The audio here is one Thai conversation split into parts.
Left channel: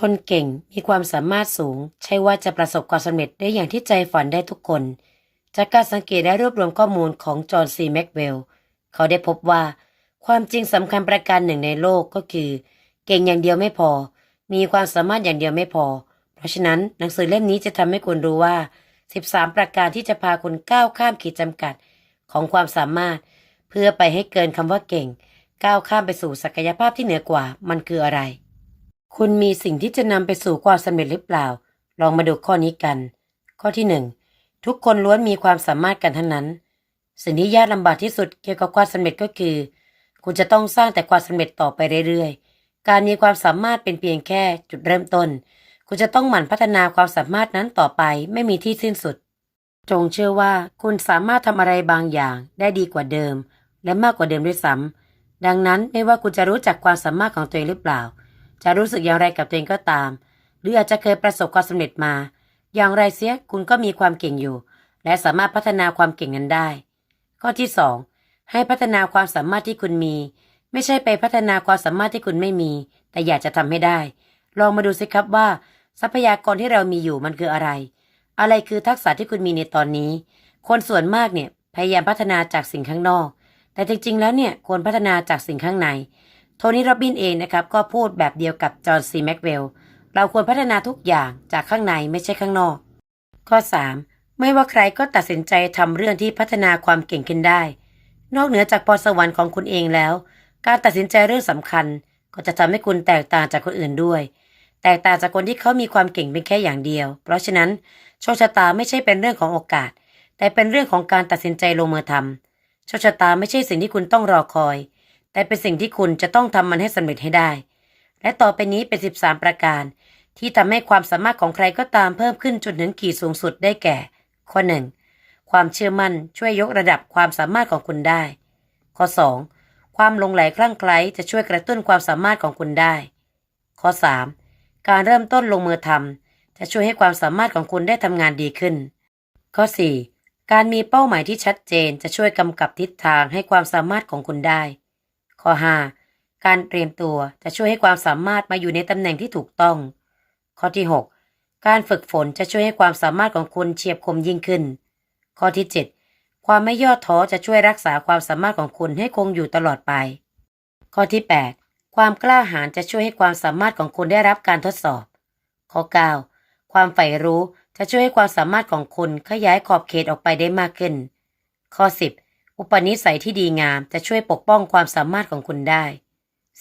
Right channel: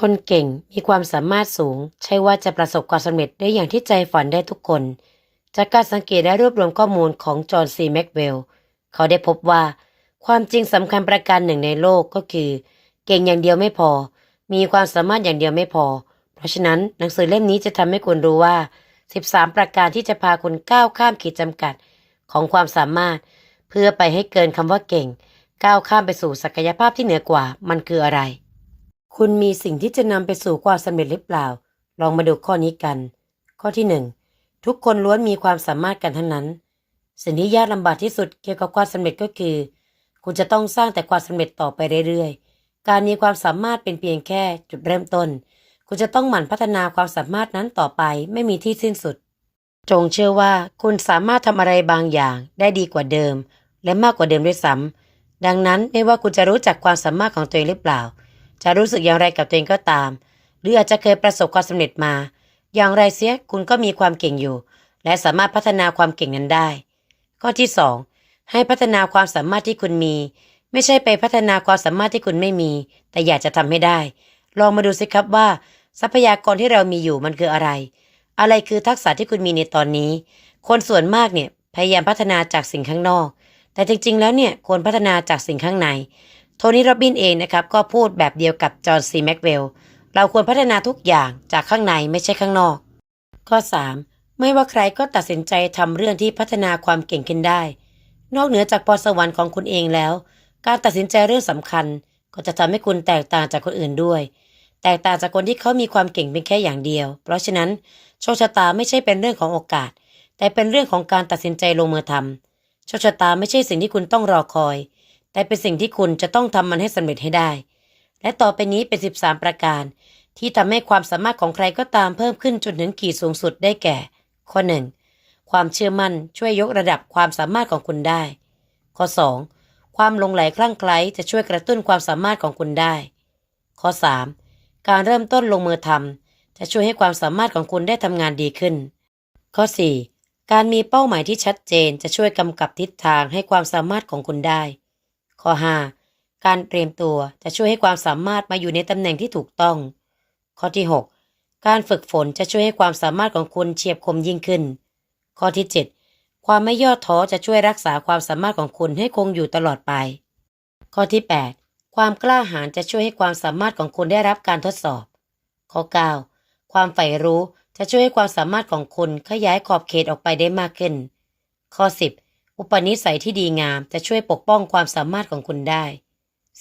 คนเก่งมีความสามารถสูง ใช่ว่าจะประสบความสำเร็จได้อย่างที่ใจฝันได้ทุกคน จากการสังเกตและรวบรวมข้อมูลของจอห์นซีแม็กเวล เขาได้พบว่า ความจริงสำคัญประการหนึ่งในโลกก็คือ เก่งอย่างเดียวไม่พอ มีความสามารถอย่างเดียวไม่พอ เพราะฉะนั้นหนังสือเล่มนี้จะทำให้คุณรู้ว่า 13 ประการที่จะพาคุณก้าวข้ามขีดจำกัดของความสามารถ เพื่อไปให้เกินคำว่าเก่ง ก้าวข้ามไปสู่ศักยภาพที่เหนือกว่ามันคืออะไร คุณมีสิ่งที่จะนำไปสู่ความสำเร็จหรือเปล่า ลองมาดูข้อนี้กัน ข้อที่หนึ่งทุกคนล้วนมีความสามารถกันทั้งนั้น สิ่งที่ยากลำบากที่สุดเกี่ยวกับความสำเร็จก็คือ คุณจะต้องสร้างแต่ความสำเร็จต่อไปเรื่อยๆ การมีความสามารถเป็นเพียงแค่จุดเริ่มต้น คุณจะต้องหมั่นพัฒนาความสามารถนั้นต่อไปไม่มีที่สิ้นสุด จงเชื่อว่าคุณสามารถทำอะไรบางอย่างได้ดีกว่าเดิม และมากกว่าเดิมด้วยซ้ำดังนั้นไม่ว่าคุณจะรู้จักความสามารถของตัวเองหรือเปล่า จะรู้สึกอย่างไรกับตัวเองก็ตาม หรืออาจจะเคยประสบความสำเร็จมา อย่างไรเสียคุณก็มีความเก่งอยู่ และสามารถพัฒนาความเก่งนั้นได้ ข้อที่สองให้พัฒนาความสามารถที่คุณมี ไม่ใช่ไปพัฒนาความสามารถที่คุณไม่มี แต่อยากจะทำให้ได้ ลองมาดูสิครับว่า ทรัพยากรที่เรามีอยู่มันคืออะไร อะไรคือทักษะที่คุณมีในตอนนี้ คนส่วนมากเนี่ยพยายามพัฒนาจากสิ่งข้างนอก แต่จริงๆ แล้วเนี่ยควรพัฒนาจากสิ่งข้างใน โทนี่โรบบินเองนะครับก็พูดแบบเดียวกับจอห์นซีแม็กเวลเราควรพัฒนาทุกอย่างจากข้างในไม่ใช่ข้างนอก ข้อ 3. ไม่ว่าใครก็ตัดสินใจทำเรื่องที่พัฒนาความเก่งขึ้นได้ นอกเหนือจากพรสวรรค์ของคุณเองแล้ว การตัดสินใจเรื่องสำคัญ ก็จะทำให้คุณแตกต่างจากคนอื่นด้วย แตกต่างจากคนที่เขามีความเก่งเป็นแค่อย่างเดียว เพราะฉะนั้นโชคชะตาไม่ใช่เป็นเรื่องของโอกาส แต่เป็นเรื่องของการตัดสินใจลงมือทำโชคชะตาไม่ใช่สิ่งที่คุณต้องรอคอย แต่เป็นสิ่งที่คุณจะต้องทำมันให้สำเร็จให้ได้ และต่อไปนี้เป็น 13 ประการ ที่ทำให้ความสามารถของใครก็ตามเพิ่มขึ้นจนถึงขีดสูงสุดได้แก่ ข้อ 1. ความเชื่อมั่นช่วยยกระดับความสามารถของคุณได้ ข้อ 2. ความลงไหลคลั่งไคล้จะช่วยกระตุ้นความสามารถของคุณได้ ข้อ 3. การเริ่มต้นลงมือทำจะช่วยให้ความสามารถของคุณได้ทำงานดีขึ้น ข้อ 4. การมีเป้าหมายที่ชัดเจนจะช่วยกำกับทิศทางให้ความสามารถของคุณได้ ข้อ 5. การเตรียมตัวจะช่วยให้ความสามารถมาอยู่ในตำแหน่งที่ถูกต้อง ข้อที่ 6. การฝึกฝนจะช่วยให้ความสามารถของคุณเฉียบคมยิ่งขึ้น ข้อที่ 7. ความไม่ย่อท้อจะช่วยรักษาความสามารถของคุณให้คงอยู่ตลอดไป ข้อที่ 8. ความกล้าหาญจะช่วยให้ความสามารถของคุณได้รับการทดสอบ ข้อ 9. ความใฝ่รู้จะช่วยให้ความสามารถของคุณขยายขอบเขตออกไปได้มากขึ้น ข้อ 10. อุปนิสัยที่ดีงามจะช่วยปกป้องความสามารถของคุณได้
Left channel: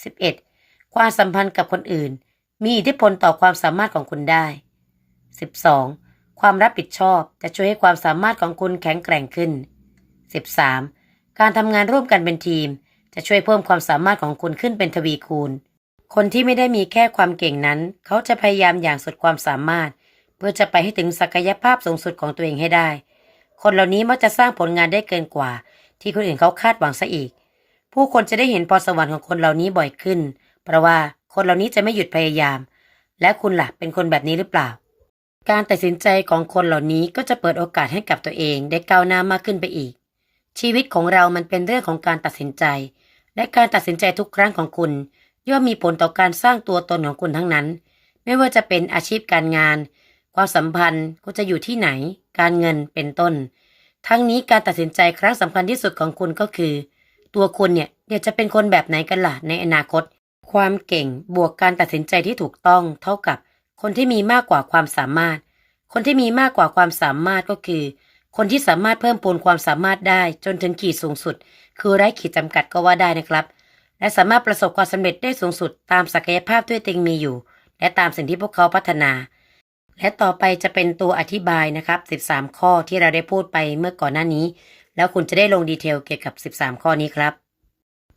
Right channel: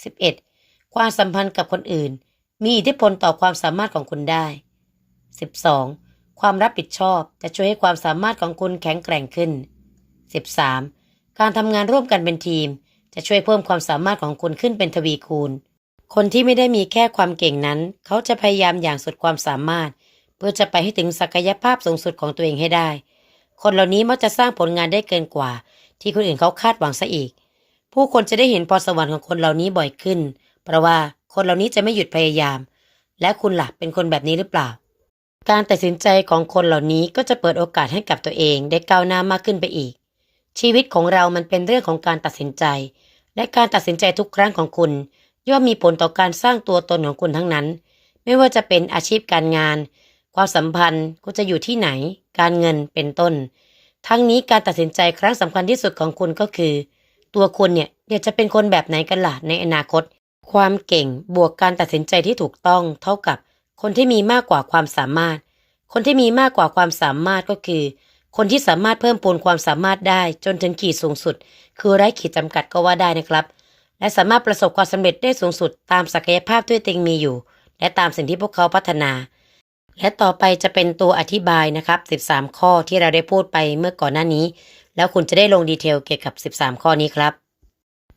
11. ความสัมพันธ์กับคนอื่น มีอิทธิพลต่อความสามารถของคุณได้ 12. ความรับผิดชอบจะช่วยให้ความสามารถของคุณแข็งแกร่งขึ้น 13. การทำงานร่วมกันเป็นทีม จะช่วยเพิ่มความสามารถของคุณขึ้นเป็นทวีคูณ คนที่ไม่ได้มีแค่ความเก่งนั้น เขาจะพยายามอย่างสุดความสามารถ เพื่อจะไปให้ถึงศักยภาพสูงสุดของตัวเองให้ได้ คนเหล่านี้มักจะสร้างผลงานได้เกินกว่า ที่คนอื่นเขาคาดหวังซะอีก ผู้คนจะได้เห็นพรสวรรค์ของคนเหล่านี้บ่อยขึ้น เพราะว่าคนเหล่านี้จะไม่หยุดพยายาม และคุณล่ะเป็นคนแบบนี้หรือเปล่า การตัดสินใจของคนเหล่านี้ก็จะเปิดโอกาสให้กับตัวเองได้ก้าวหน้ามากขึ้นไปอีก ชีวิตของเรามันเป็นเรื่องของการตัดสินใจ และการตัดสินใจทุกครั้งของคุณ ย่อมมีผลต่อการสร้างตัวตนของคุณทั้งนั้น ไม่ว่าจะเป็นอาชีพการงาน ความสัมพันธ์คุณจะอยู่ที่ไหน การเงินเป็นต้น ทั้งนี้การตัดสินใจครั้งสำคัญที่สุดของคุณก็คือ ตัวคุณเนี่ยเดี๋ยวจะเป็นคนแบบไหนกันล่ะในอนาคต ความเก่งบวกการตัดสินใจที่ถูกต้อง เท่ากับ คนที่มีมากกว่าความสามารถ คนที่มีมากกว่าความสามารถก็คือ คนที่สามารถเพิ่มพูนความสามารถได้จนถึงขีดสูงสุด คือไร้ขีดจำกัดก็ว่าได้นะครับ และสามารถประสบความสำเร็จได้สูงสุด ตามศักยภาพที่ตัวเองมีอยู่ และตามสิ่งที่พวกเขาพัฒนา และต่อไปจะเป็นตัวอธิบายนะครับ 13 ข้อที่เราได้พูดไปเมื่อก่อนหน้านี้ แล้วคุณจะได้ลงดีเทลเกี่ยวกับ 13 ข้อนี้ครับ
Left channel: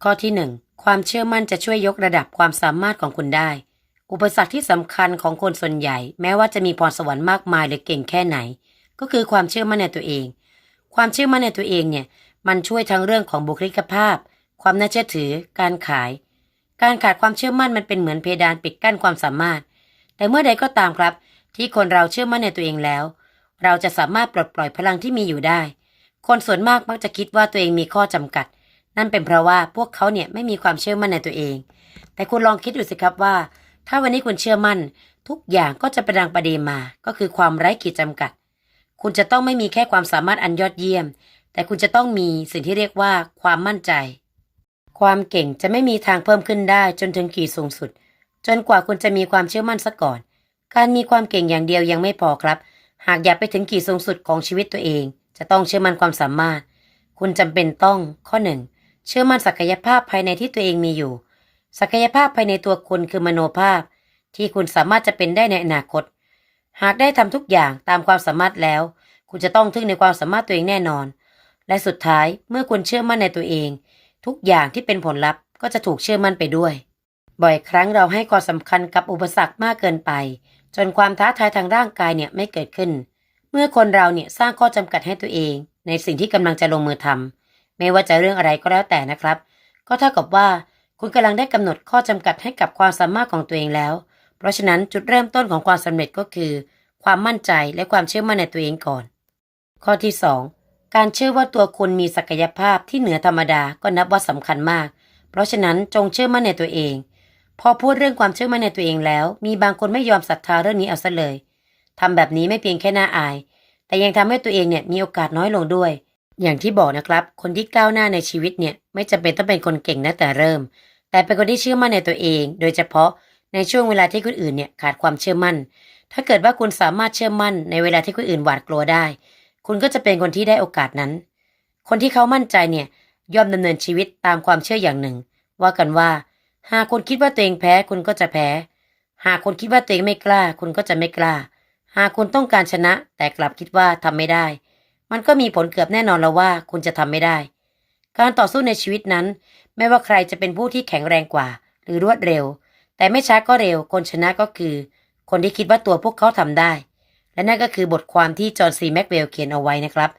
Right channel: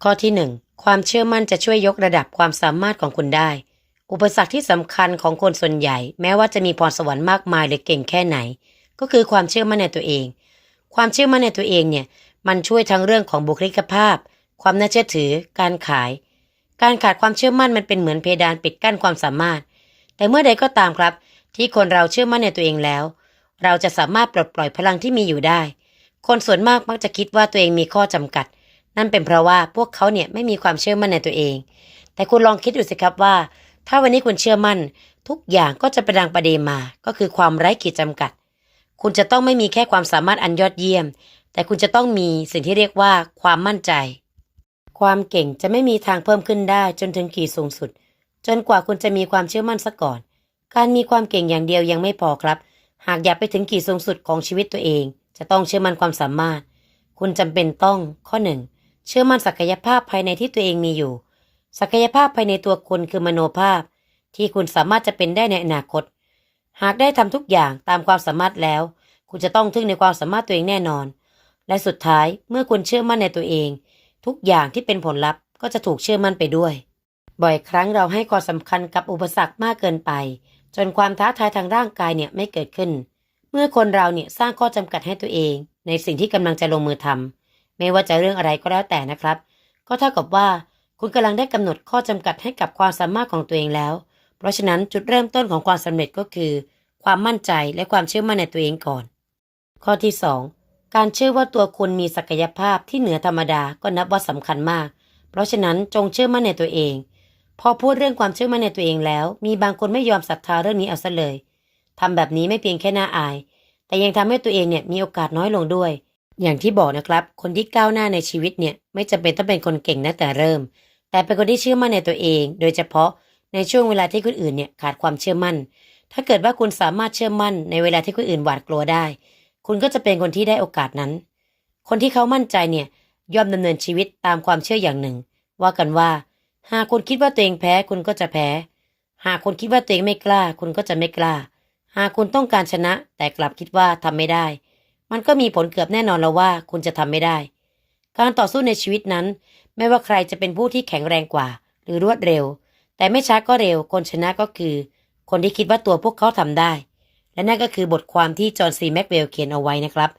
ข้อที่ 1 ความเชื่อมั่นจะช่วยยกระดับความสามารถของคุณได้ อุปสรรคที่สำคัญของคนส่วนใหญ่ แม้ว่าจะมีพรสวรรค์มากมายหรือเก่งแค่ไหน ก็คือความเชื่อมั่นในตัวเอง ความเชื่อมั่นในตัวเองเนี่ยมันช่วยทั้งเรื่องของบุคลิกภาพ ความน่าเชื่อถือ การขาย การขาดความเชื่อมั่นมันเป็นเหมือนเพดานปิดกั้นความสามารถ แต่เมื่อใดก็ตามครับ ที่คนเราเชื่อมั่นในตัวเองแล้ว เราจะสามารถปลดปล่อยพลังที่มีอยู่ได้ คนส่วนมากมักจะคิดว่าตัวเองมีข้อจำกัด นั่นเป็นเพราะว่าพวกเขาเนี่ยไม่มีความเชื่อมั่นในตัวเอง แต่คุณลองคิดดูสิครับว่า ถ้าวันนี้คุณเชื่อมั่น ทุกอย่างก็จะประดังประเดมา ก็คือความไร้ขีดจำกัด คุณจะต้องไม่มีแค่ความสามารถอันยอดเยี่ยม แต่คุณจะต้องมีสิ่งที่เรียกว่าความมั่นใจ ความเก่งจะไม่มีทางเพิ่มขึ้นได้จนถึงขีดสูงสุด จนกว่าคุณจะมีความเชื่อมั่นซะก่อน การมีความเก่งอย่างเดียวยังไม่พอครับ หากอยากไปถึงขีดสูงสุดของชีวิตตัวเอง จะต้องเชื่อมั่นความสามารถ คุณจำเป็นต้อง ข้อหนึ่งเชื่อมั่นศักยภาพภายในที่ตัวเองมีอยู่ ศักยภาพภายในตัวคุณคือมโนภาพ ที่คุณสามารถจะเป็นได้ในอนาคต หากได้ทำทุกอย่างตามความสามารถแล้ว คุณจะต้องทึ่งในความสามารถตัวเองแน่นอน และสุดท้ายเมื่อคุณเชื่อมั่นในตัวเอง ทุกอย่างที่เป็นผลลัพธ์ก็จะถูกเชื่อมั่นไปด้วย บ่อยครั้งเราให้ความสำคัญกับอุปสรรคมากเกินไป จนความท้าทายทางร่างกายเนี่ยไม่เกิดขึ้น เมื่อคนเราเนี่ยสร้างข้อจำกัดให้ตัวเอง ในสิ่งที่กำลังจะลงมือทำไม่ว่าจะเรื่องอะไรก็แล้วแต่นะครับ ก็เท่ากับว่าคุณกำลังได้กำหนดข้อจำกัดให้กับความสามารถของตัวเองแล้ว เพราะฉะนั้นจุดเริ่มต้นของความสำเร็จก็คือ ความมั่นใจและความเชื่อมั่นในตัวเองก่อน ข้อที่ 2 การเชื่อว่าตัวคุณมีศักยภาพที่เหนือธรรมดาก็นับว่าสำคัญมาก เพราะฉะนั้นจงเชื่อมั่นในตัวเอง พอพูดเรื่องความเชื่อมั่นในตัวเองแล้ว มีบางคนไม่ยอมศรัทธาเรื่องนี้เอาซะเลยทำแบบนี้ไม่เพียงแค่น่าอาย แต่ยังทำให้ตัวเองเนี่ยมีโอกาสน้อยลงด้วย อย่างที่บอกนะครับ คนที่ก้าวหน้าในชีวิตเนี่ยไม่จำเป็นต้องเป็นคนเก่งตั้งแต่เริ่ม แต่เป็นคนที่เชื่อมั่นในตัวเอง โดยเฉพาะในช่วงเวลาที่คนอื่นเนี่ยขาดความเชื่อมั่น ถ้าเกิดว่าคุณสามารถเชื่อมั่นในเวลาที่คนอื่นหวาดกลัวได้ คุณก็จะเป็นคนที่ได้โอกาสนั้น คนที่เขามั่นใจเนี่ยย่อมดำเนินชีวิตตามความเชื่ออย่างหนึ่ง ว่ากันว่า หากคุณคิดว่าตัวเองแพ้คุณก็จะแพ้ หากคุณคิดว่าตัวเองไม่กล้า คุณก็จะไม่กล้า หากคุณต้องการชนะ แต่กลับคิดว่าทำไม่ได้ มันก็มีผลเกือบแน่นอนแล้วว่าคุณจะทำไม่ได้ การต่อสู้ในชีวิตนั้น ไม่ว่าใครจะเป็นผู้ที่แข็งแรงกว่า หรือรวดเร็ว แต่ไม่ช้าก็เร็ว คนชนะก็คือ คนที่คิดว่าตัวพวกเขาทำได้ และนั่นก็คือบทความที่จอห์นซีแม็กเวลเขียนเอาไว้นะครับ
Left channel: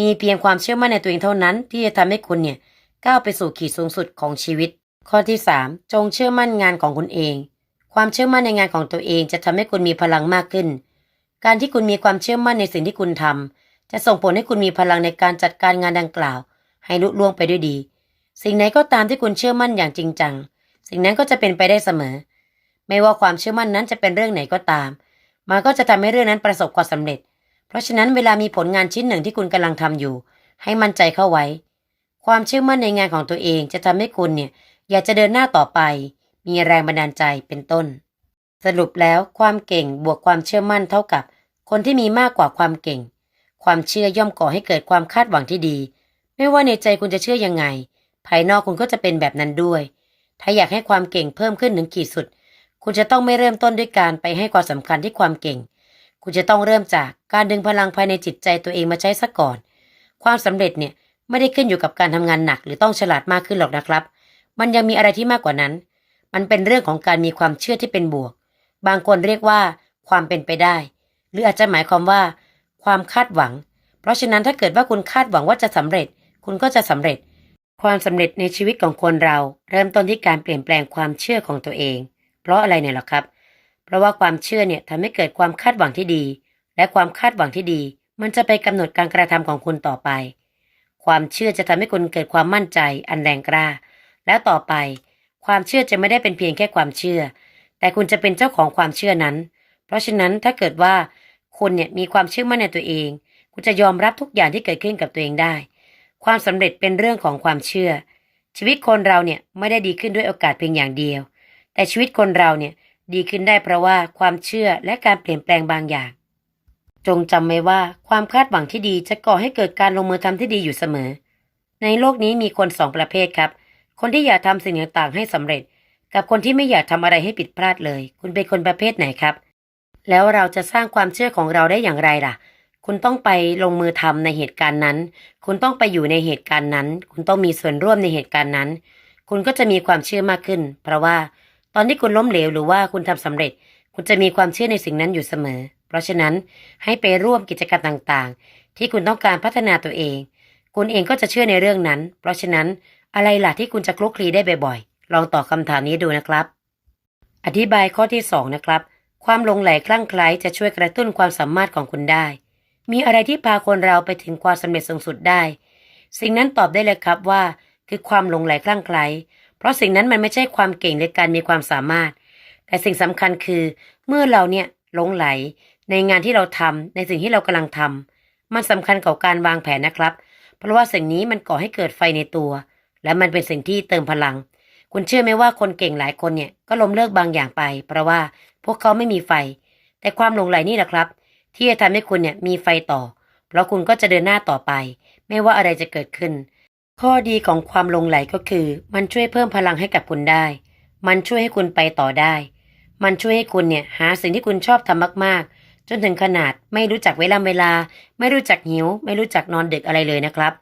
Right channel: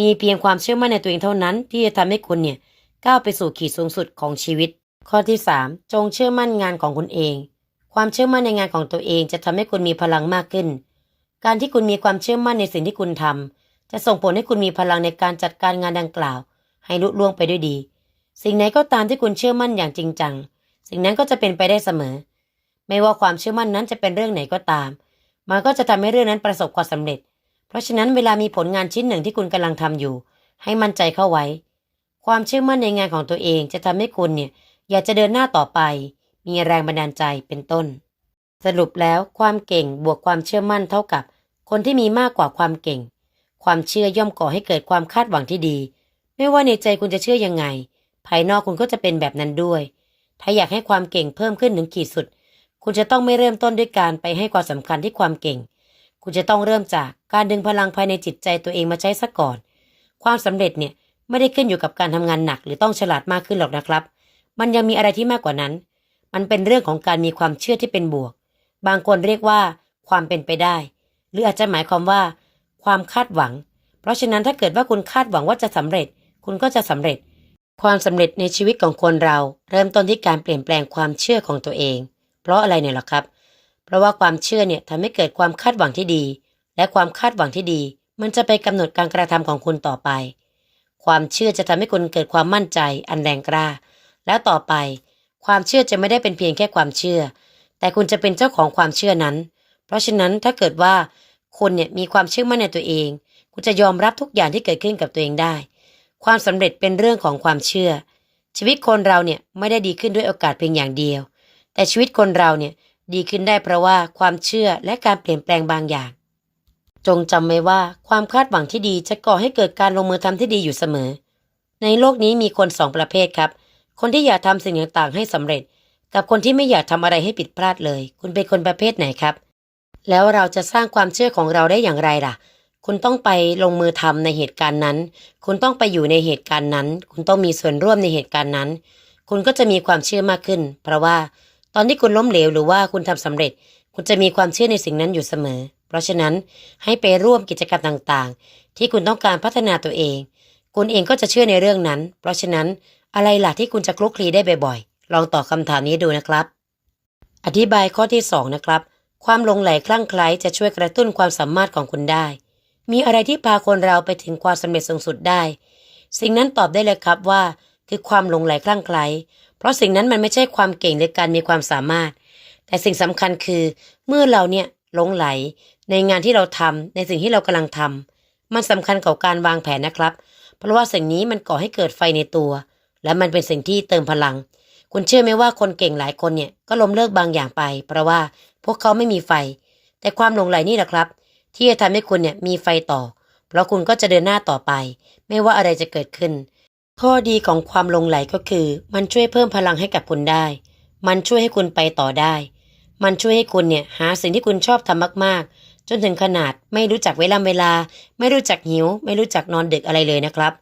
มีเพียงความเชื่อมั่นในตัวเองเท่านั้น ที่จะทำให้คุณเนี่ยก้าวไปสู่ขีดสูงสุดของชีวิต ข้อที่ 3 จงเชื่อมั่นงานของคุณเอง ความเชื่อมั่นในงานของตัวเองจะทำให้คุณมีพลังมากขึ้น การที่คุณมีความเชื่อมั่นในสิ่งที่คุณทำจะส่งผลให้คุณมีพลังในการจัดการงานดังกล่าว ให้ลุล่วงไปด้วยดี สิ่งไหนก็ตามที่คุณเชื่อมั่นอย่างจริงจัง สิ่งนั้นก็จะเป็นไปได้เสมอ ไม่ว่าความเชื่อมั่นนั้นจะเป็นเรื่องไหนก็ตาม มันก็จะทำให้เรื่องนั้นประสบความสำเร็จ เพราะฉะนั้นเวลามีผลงานชิ้นหนึ่งที่คุณกำลังทำอยู่ ให้มั่นใจเข้าไว้ ความเชื่อมั่นในงานของตัวเองจะทำให้คุณเนี่ย อยากจะเดินหน้าต่อไป มีแรงบันดาลใจเป็นต้น สรุปแล้วความเก่งบวกความเชื่อมั่นเท่ากับ คนที่มีมากกว่าความเก่ง ความเชื่อย่อมก่อให้เกิดความคาดหวังที่ดี ไม่ว่าในใจคุณจะเชื่อยังไง ภายนอกคุณก็จะเป็นแบบนั้นด้วย ถ้าอยากให้ความเก่งเพิ่มขึ้นถึงขีดสุด คุณจะต้องไม่เริ่มต้นด้วยการไปให้ความสำคัญที่ความเก่ง คุณจะต้องเริ่มจากการดึงพลังภายในจิตใจตัวเองมาใช้ซะก่อน ความสำเร็จเนี่ยไม่ได้ขึ้นอยู่กับการทำงานหนักหรือต้องฉลาดมากขึ้นหรอกนะครับ มันยังมีอะไรที่มากกว่านั้น มันเป็นเรื่องของการมีความเชื่อที่เป็นบวก บางคนเรียกว่า ความเป็นไปได้ หรืออาจจะหมายความว่า ความคาดหวัง เพราะฉะนั้นถ้าเกิดว่าคุณคาดหวังว่าจะสำเร็จ คุณก็จะสำเร็จ ความสำเร็จในชีวิตของคนเรา เริ่มต้นที่การเปลี่ยนแปลงความเชื่อของตัวเอง เพราะอะไรเนี่ยหรอครับ เพราะว่าความเชื่อเนี่ยทำให้เกิดความคาดหวังที่ดี และความคาดหวังที่ดี มันจะไปกำหนดการกระทำของคุณต่อไป ความเชื่อจะทำให้คุณเกิดความมั่นใจ อันแรงกล้า แล้วต่อไป ความเชื่อจะไม่ได้เป็นเพียงแค่ความเชื่อ แต่คุณจะเป็นเจ้าของความเชื่อนั้น เพราะฉะนั้นถ้าเกิดว่าคุณเนี่ยมีความเชื่อมั่นในตัวเอง คุณจะยอมรับทุกอย่างที่เกิดขึ้นกับตัวเองได้ ความสำเร็จเป็นเรื่องของความเชื่อ ชีวิตคนเราเนี่ยไม่ได้ดีขึ้นด้วยโอกาสเพียงอย่างเดียว แต่ชีวิตคนเราเนี่ยดีขึ้นได้เพราะว่าความเชื่อและการเปลี่ยนแปลงบางอย่าง จงจำไว้ว่าความคาดหวังที่ดีจะก่อให้เกิดการลงมือทำที่ดีอยู่เสมอ ในโลกนี้มีคนสองประเภทครับ คนที่อยากทำสิ่งต่างๆให้สำเร็จ กับคนที่ไม่อยากทำอะไรให้ผิดพลาดเลย คุณเป็นคนประเภทไหนครับ แล้วเราจะสร้างความเชื่อของเราได้อย่างไรล่ะ คุณต้องไปลงมือทำในเหตุการณ์นั้น คุณต้องไปอยู่ในเหตุการณ์นั้น คุณต้องมีส่วนร่วมในเหตุการณ์นั้น คุณก็จะมีความเชื่อมากขึ้น เพราะว่าตอนที่คุณล้มเหลวหรือว่าคุณทำสำเร็จ คุณจะมีความเชื่อในสิ่งนั้นอยู่เสมอ เพราะฉะนั้นให้ไปร่วมกิจกรรมต่างๆ ที่คุณต้องการพัฒนาตัวเอง คุณเองก็จะเชื่อในเรื่องนั้น เพราะฉะนั้น อะไรล่ะที่คุณจะคลุกคลีได้บ่อยๆ ลองตอบคำถามนี้ดูนะครับ อธิบายข้อที่สองนะครับ ความลงไหลคลั่งไคล้จะช่วยกระตุ้นความสามารถของคุณได้ มีอะไรที่พาคนเราไปถึงความสำเร็จสูงสุดได้ สิ่งนั้นตอบได้เลยครับว่า คือความลงไหลคลั่งไคล้เพราะสิ่งนั้นมันไม่ใช่ความเก่งในการมีความสามารถ แต่สิ่งสำคัญคือ เมื่อเราเนี่ยหลงไหล ในงานที่เราทำในสิ่งที่เรากำลังทำมันสำคัญกับการวางแผนนะครับ เพราะว่าสิ่งนี้มันก่อให้เกิดไฟในตัว และมันเป็นสิ่งที่เติมพลัง คุณเชื่อไหมว่าคนเก่งหลายคนเนี่ยก็ล้มเลิกบางอย่างไป เพราะว่าพวกเขาไม่มีไฟ แต่ความหลงไหลนี่แหละครับ ที่จะทำให้คุณเนี่ยมีไฟต่อ เพราะคุณก็จะเดินหน้าต่อไป ไม่ว่าอะไรจะเกิดขึ้น ข้อดีของความหลงไหลก็คือ มันช่วยเพิ่มพลังให้กับคุณได้ มันช่วยให้คุณไปต่อได้ มันช่วยให้คุณเนี่ยหาสิ่งที่คุณชอบทำมาก ๆจนถึงขนาดไม่รู้จักเวลาเวลา ไม่รู้จักหิว ไม่รู้จักนอนดึกอะไรเลยนะครับ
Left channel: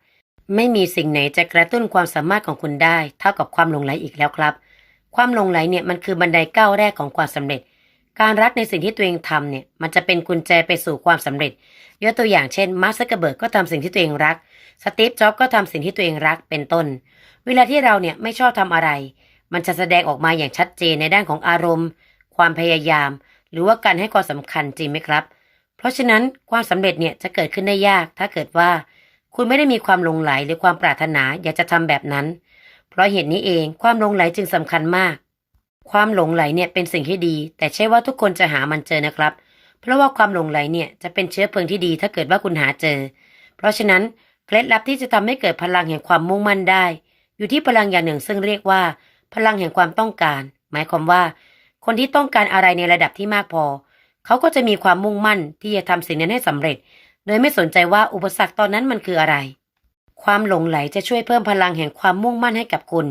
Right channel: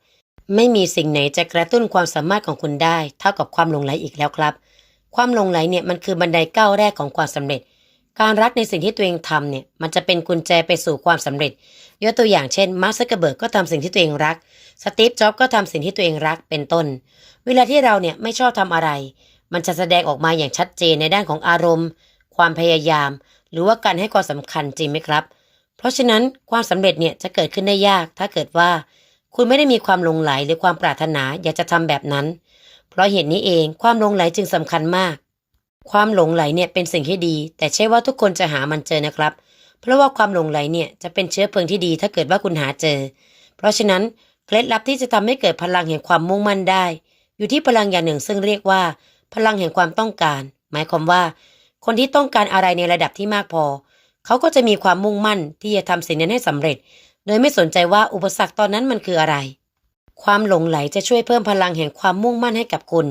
ไม่มีสิ่งไหนจะกระตุ้นความสามารถของคุณได้ เท่ากับความหลงไหลอีกแล้วครับ ความหลงไหลเนี่ยมันคือบันไดก้าวแรกของความสำเร็จ การรักในสิ่งที่ตัวเองทำเนี่ยมันจะเป็นกุญแจไปสู่ความสำเร็จ ยกตัวอย่างเช่นมาร์คซักเกอร์เบิร์กก็ทำสิ่งที่ตัวเองรัก สตีฟ จ็อบก็ทำสิ่งที่ตัวเองรักเป็นต้น เวลาที่เราเนี่ยไม่ชอบทำอะไร มันจะแสดงออกมาอย่างชัดเจนในด้านของอารมณ์ ความพยายาม หรือว่าการให้ความสำคัญจริงไหมครับ เพราะฉะนั้นความสำเร็จเนี่ยจะเกิดขึ้นได้ยากถ้าเกิดว่า คุณไม่ได้มีความหลงไหลหรือความปรารถนาอยากจะทำแบบนั้น เพราะเหตุนี้เองความหลงไหลจึงสำคัญมาก ความหลงไหลเนี่ยเป็นสิ่งที่ดี แต่ใช่ว่าทุกคนจะหามันเจอนะครับ เพราะว่าความหลงไหลเนี่ยจะเป็นเชื้อเพลิงที่ดีถ้าเกิดว่าคุณหาเจอ เพราะฉะนั้นเคล็ดลับที่จะทำให้เกิดพลังแห่งความมุ่งมั่นได้ อยู่ที่พลังอย่างหนึ่งซึ่งเรียกว่า พลังแห่งความต้องการ หมายความว่า คนที่ต้องการอะไรในระดับที่มากพอ เขาก็จะมีความมุ่งมั่นที่จะทำสิ่งนั้นให้สำเร็จ โดยไม่สนใจว่าอุปสรรคตอนนั้นมันคืออะไร ความหลงไหลจะช่วยเพิ่มพลังแห่งความมุ่งมั่นให้กับคุณ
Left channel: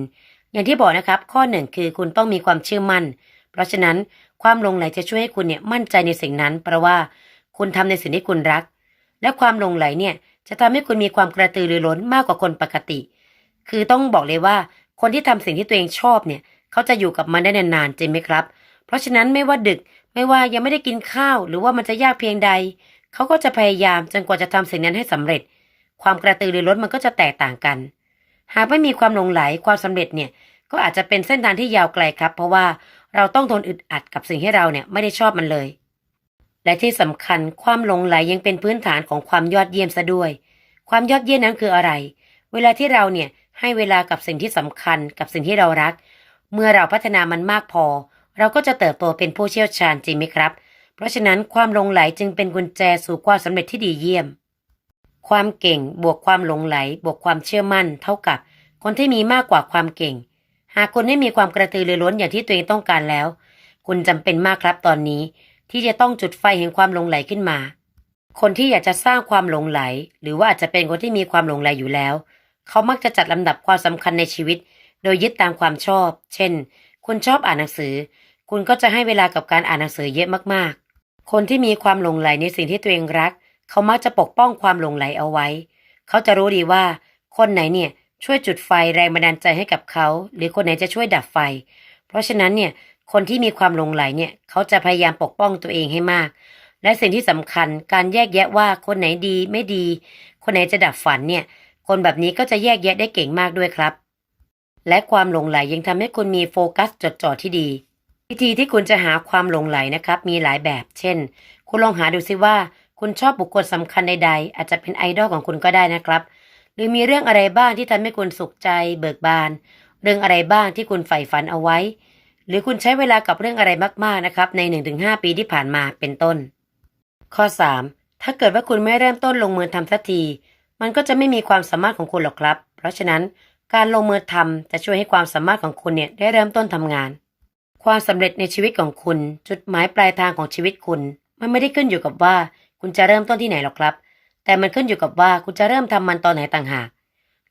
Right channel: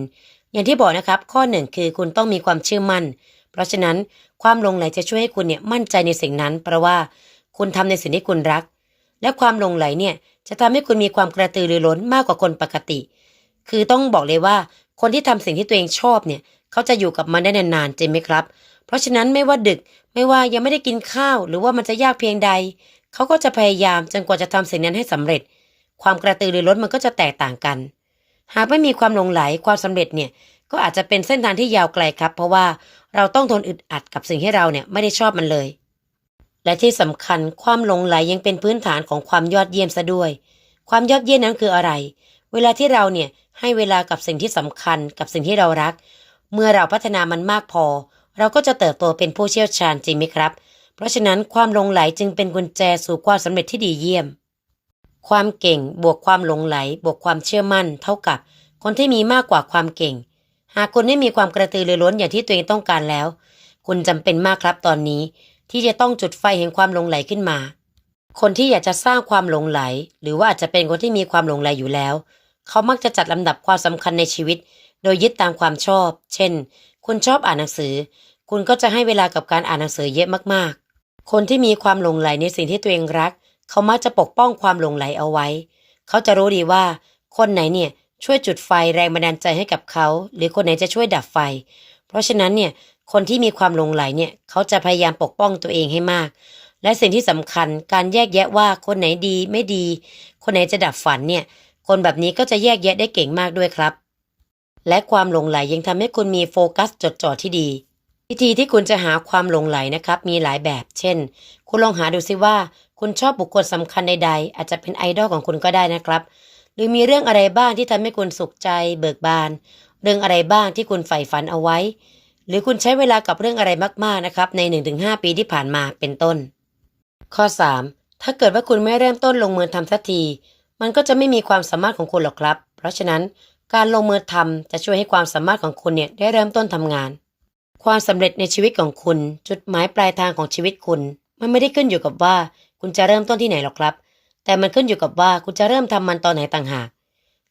อย่างที่บอกนะครับ ข้อหนึ่งคือคุณต้องมีความเชื่อมั่น เพราะฉะนั้นความหลงไหลจะช่วยให้คุณเนี่ยมั่นใจในสิ่งนั้น เพราะว่าคุณทำในสิ่งที่คุณรัก และความหลงไหลเนี่ยจะทำให้คุณมีความกระตือรือร้นมากกว่าคนปกติ คือต้องบอกเลยว่าคนที่ทำสิ่งที่ตัวเองชอบเนี่ยเขาจะอยู่กับมันได้นานๆจริงไหมครับ เพราะฉะนั้นไม่ว่าดึกไม่ว่ายังไม่ได้กินข้าว หรือว่ามันจะยากเพียงใด เขาก็จะพยายามจนกว่าจะทำสิ่งนั้นให้สำเร็จ ความกระตือรือร้นมันก็จะแตกต่างกัน หากไม่มีความหลงไหลความสำเร็จเนี่ยก็อาจจะเป็นเส้นทางที่ยาวไกลครับ เพราะว่าเราต้องทนอึดอัดกับสิ่งที่เราเนี่ยไม่ได้ชอบมันเลย และที่สำคัญความหลงไหลยังเป็นพื้นฐานของความยอดเยี่ยมซะด้วย ความยอดเยี่ยมนั้นคืออะไร เวลาที่เราเนี่ยให้เวลากับสิ่งที่สำคัญกับสิ่งที่เรารัก เมื่อเราพัฒนามันมากพอ เราก็จะเติบโตเป็นผู้เชี่ยวชาญจริงไหมครับ เพราะฉะนั้นความหลงไหลจึงเป็นกุญแจสู่ความสำเร็จที่ดีเยี่ยม ความเก่งบวกความหลงไหล บวกความเชื่อมั่น เท่ากับ คนที่มีมากกว่าความเก่ง หากคุณไม่มีความกระตือรือร้นอย่างที่ตัวเองต้องการแล้ว คุณจำเป็นมากครับตอนนี้ ที่จะต้องจุดไฟแห่งความหลงไหลขึ้นมา คนที่อยากจะสร้างความหลงไหล หรือว่าอาจจะเป็นคนที่มีความหลงไหลอยู่แล้ว เขามักจะจัดลำดับความสำคัญในชีวิต โดยยึดตามความชอบ เช่น คุณชอบอ่านหนังสือ คุณก็จะให้เวลากับการอ่านหนังสือเยอะมากๆ คนที่มีความหลงไหลในสิ่งที่ตัวเองรัก เขามักจะปกป้องความหลงไหลเอาไว้ เขาจะรู้ดีว่า คนไหนเนี่ยช่วยจุดไฟแรงบันดาลใจให้กับเขา หรือคนไหนจะช่วยดับไฟ เพราะฉะนั้นเนี่ยคนที่มีความหลงไหลเนี่ยเขาจะพยายามปกป้องตัวเองให้มาก และสิ่งที่สำคัญการแยกแยะว่าคนไหนดีไม่ดี คนไหนจะดับฝันเนี่ยคนแบบนี้ก็จะแยกแยะได้เก่งมากด้วยครับ และความหลงไหลยังทำให้คุณมีโฟกัสจดจ่อที่ดี วิธีที่คุณจะหาความหลงไหลนะครับ มีหลายแบบ เช่น คุณลองหาดูซิว่า คุณชอบบุคคลสำคัญใดๆ อาจจะเป็นไอดอลของคุณก็ได้นะครับ หรือมีเรื่องอะไรบ้างที่ทำให้คุณสุขใจ เบิกบาน เรื่องอะไรบ้างที่คุณใฝ่ฝันเอาไว้ หรือคุณใช้เวลากับเรื่องอะไรมากๆนะครับใน 1-5 ปีที่ผ่านมาเป็นต้น ข้อ 3. ถ้าเกิดว่าคุณไม่เริ่มต้นลงมือทำสักที มันก็จะไม่มีความสามารถของคุณหรอกครับ เพราะฉะนั้นการลงมือทำจะช่วยให้ความสามารถของคุณเนี่ยได้เริ่มต้นทำงาน ความสำเร็จในชีวิตของคุณ จุดหมายปลายทางของชีวิตคุณ มันไม่ได้ขึ้นอยู่กับว่า คุณจะเริ่มต้นที่ไหนหรอกครับ แต่มันขึ้นอยู่กับว่าคุณจะเริ่มทำมันตอนไหนต่างหาก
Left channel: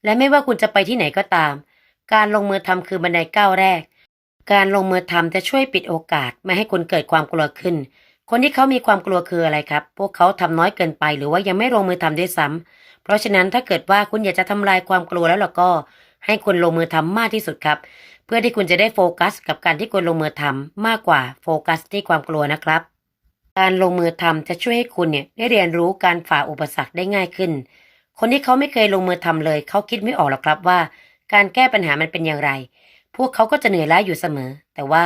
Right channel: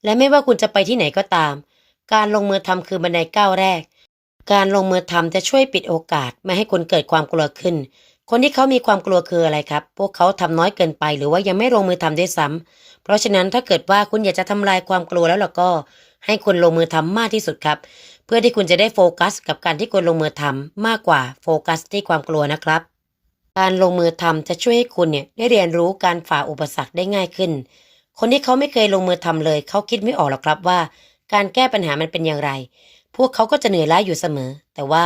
และไม่ว่าคุณจะไปที่ไหนก็ตาม การลงมือทำคือบันไดก้าวแรก การลงมือทำจะช่วยปิดโอกาส ไม่ให้คุณเกิดความกลัวขึ้น คนที่เขามีความกลัวคืออะไรครับ พวกเขาทำน้อยเกินไป หรือว่ายังไม่ลงมือทำด้วยซ้ำเพราะฉะนั้นถ้าเกิดว่าคุณอยากจะทำลายความกลัวแล้วล่ะก็ ให้คุณลงมือทำมากที่สุดครับ เพื่อที่คุณจะได้โฟกัส กับการที่คุณลงมือทำมากกว่าโฟกัสที่ความกลัวนะครับ การลงมือทำจะช่วยให้คุณเนี่ยได้เรียนรู้การฝ่าอุปสรรคได้ง่ายขึ้น คนที่เขาไม่เคยลงมือทำเลย เขาคิดไม่ออกหรอกครับว่า การแก้ปัญหามันเป็นอย่างไร พวกเขาก็จะเหนื่อยล้าอยู่เสมอ แต่ว่า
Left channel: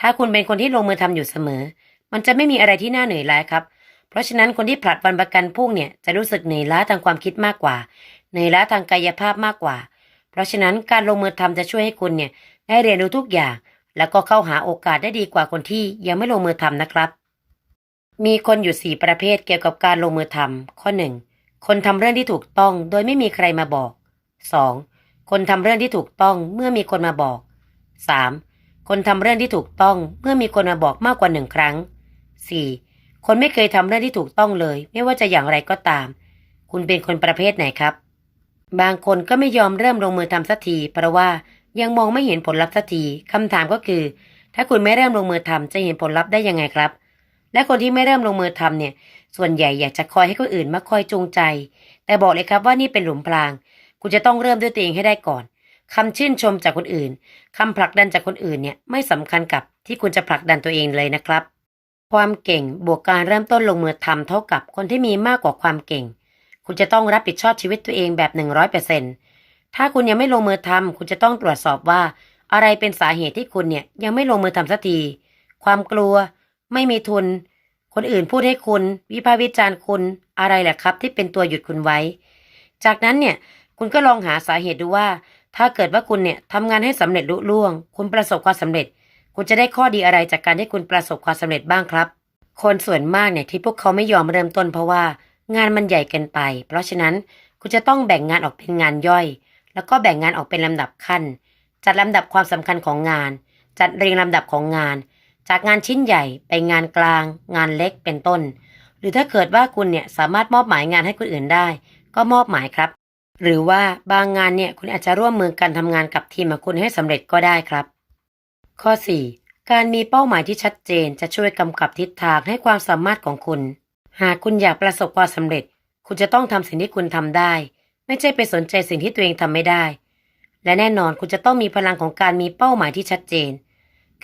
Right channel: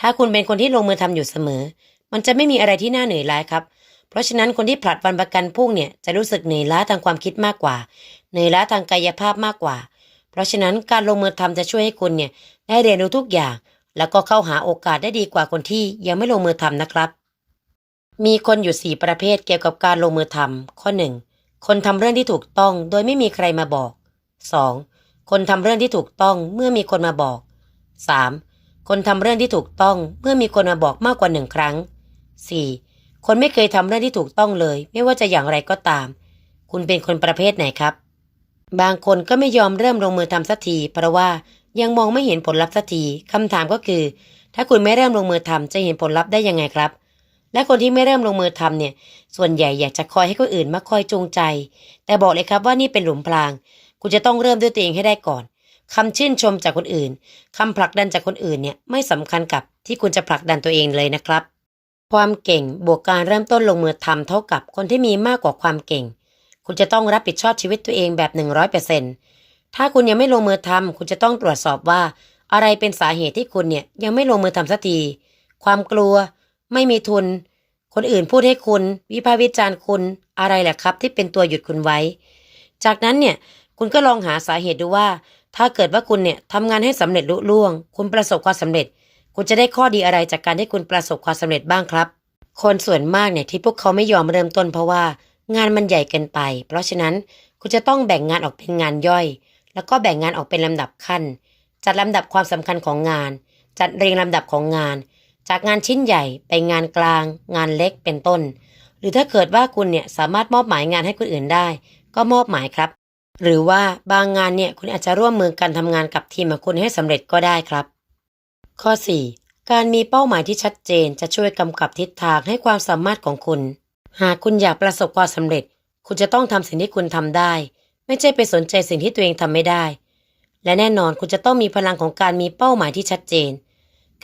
ถ้าคุณเป็นคนที่ลงมือทำอยู่เสมอ มันจะไม่มีอะไรที่น่าเหนื่อยล้าครับเพราะฉะนั้นคนที่ผลัดวันประกันพรุ่งเนี่ยจะรู้สึกเหนื่อยล้าทางความคิดมากกว่า เหนื่อยล้าทางกายภาพมากกว่า เพราะฉะนั้นการลงมือทำจะช่วยให้คุณเนี่ยได้เรียนรู้ทุกอย่าง แล้วก็เข้าหาโอกาสได้ดีกว่าคนที่ยังไม่ลงมือทำนะครับ มีคนอยู่สี่ประเภทเกี่ยวกับการลงมือทำข้อหนึ่งคนทำเรื่องที่ถูกต้องโดยไม่มีใครมาบอก 2. คนทำเรื่องที่ถูกต้องเมื่อมีคนมาบอก 3. คนทำเรื่องที่ถูกต้องเมื่อมีคนมาบอกมากกว่าหนึ่งครั้ง 4. คนไม่เคยทำเรื่องที่ถูกต้องเลย ไม่ว่าจะอย่างไรก็ตาม คุณเป็นคนประเภทไหนครับ บางคนก็ไม่ยอมเริ่มลงมือทำสักทีเพราะว่ายังมองไม่เห็นผลลัพธ์สักทีคำถามก็คือ ถ้าคุณไม่เริ่มลงมือทำจะเห็นผลลัพธ์ได้ยังไงครับ และคนที่ไม่เริ่มลงมือทำเนี่ย ส่วนใหญ่อยากจะคอยให้คนอื่นมาคอยจูงใจ แต่บอกเลยครับว่านี่เป็นหลุมพราง คุณจะต้องเริ่มด้วยตัวเองให้ได้ก่อนคำชื่นชมจากคนอื่นคำผลักดันจากคนอื่นเนี่ยไม่สำคัญกับที่คุณจะผลักดันตัวเองเลยนะครับ ความเก่งบวกการเริ่มต้นลงมือทำเท่ากับคนที่มีมากกว่าความเก่ง คุณจะต้องรับผิดชอบชีวิตตัวเองแบบ 100%ถ้าคุณยังไม่ลงมือทำคุณจะต้องตรวจสอบว่า อะไรเป็นสาเหตุที่คุณเนี่ยยังไม่ลงมือทำสักที ความกลัว ไม่มีทุน คนอื่นพูดให้คุณ วิพากษ์วิจารณ์คุณอะไรแหละครับ ที่เป็นตัวหยุดคุณไว้ จากนั้นเนี่ยคุณก็ลองหาสาเหตุดูว่า ถ้าเกิดว่าคุณเนี่ยทำงานให้สำเร็จลุล่วง คุณประสบความสำเร็จ คุณจะได้ข้อดีอะไรจากการที่คุณประสบความสำเร็จบ้างครับ คนส่วนมากเนี่ยที่พวกเขาไม่ยอมเริ่มต้นเพราะว่า งานมันใหญ่เกินไป เพราะฉะนั้นคุณจะต้องแบ่งงานออกเป็นงานย่อย แล้วก็แบ่งงานออกเป็นลำดับขั้น จัดลำดับความสำคัญของงาน จัดเรียงลำดับของงาน จากงานชิ้นใหญ่ไปงานกลาง งานเล็กเป็นต้น หรือถ้าเกิดว่าคุณเนี่ยสามารถมอบหมายงานให้คนอื่นได้ ก็มอบหมายครับ หรือว่าบางงานเนี่ยคุณอาจจะร่วมมือกันทำงานกับทีมของคุณให้สำเร็จก็ได้ครับ ข้อ 4. การมีเป้าหมายที่ชัดเจนจะช่วยกำกับทิศทางให้ความสามารถของคุณ หากคุณอยากประสบความสำเร็จ คุณจะต้องทำสิ่งที่คุณทำได้ ไม่ใช่ไปสนใจสิ่งที่ตัวเองทำไม่ได้ และแน่นอนคุณจะต้องมีพลังของการมีเป้าหมายที่ชัดเจน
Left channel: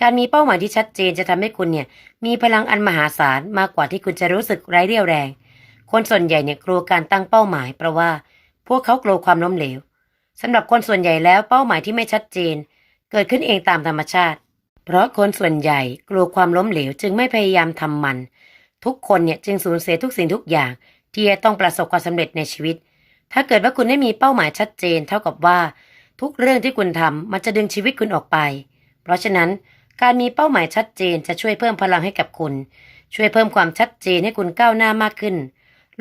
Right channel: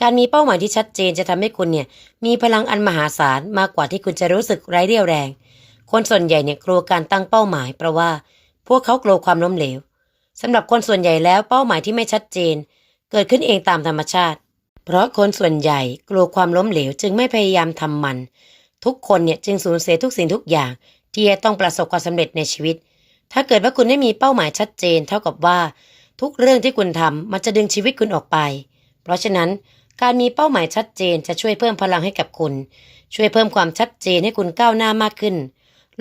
การมีเป้าหมายที่ชัดเจนจะทำให้คุณเนี่ยมีพลังอันมหาศาลมากกว่าที่คุณจะรู้สึกไร้เรี่ยวแรง คนส่วนใหญ่เนี่ยกลัวการตั้งเป้าหมาย เพราะว่าพวกเขากลัวความล้มเหลวสำหรับคนส่วนใหญ่แล้วเป้าหมายที่ไม่ชัดเจน เกิดขึ้นเองตามธรรมชาติ เพราะคนส่วนใหญ่กลัวความล้มเหลวจึงไม่พยายามทำมัน ทุกคนเนี่ยจึงสูญเสียทุกสิ่งทุกอย่าง ที่จะต้องประสบความสำเร็จในชีวิต ถ้าเกิดว่าคุณไม่มีเป้าหมายชัดเจน เท่ากับว่าทุกเรื่องที่คุณทำมันจะดึงชีวิตคุณออกไป เพราะฉะนั้นการมีเป้าหมายชัดเจนจะช่วยเพิ่มพลังให้กับคุณ ช่วยเพิ่มความชัดเจนให้คุณก้าวหน้ามากขึ้น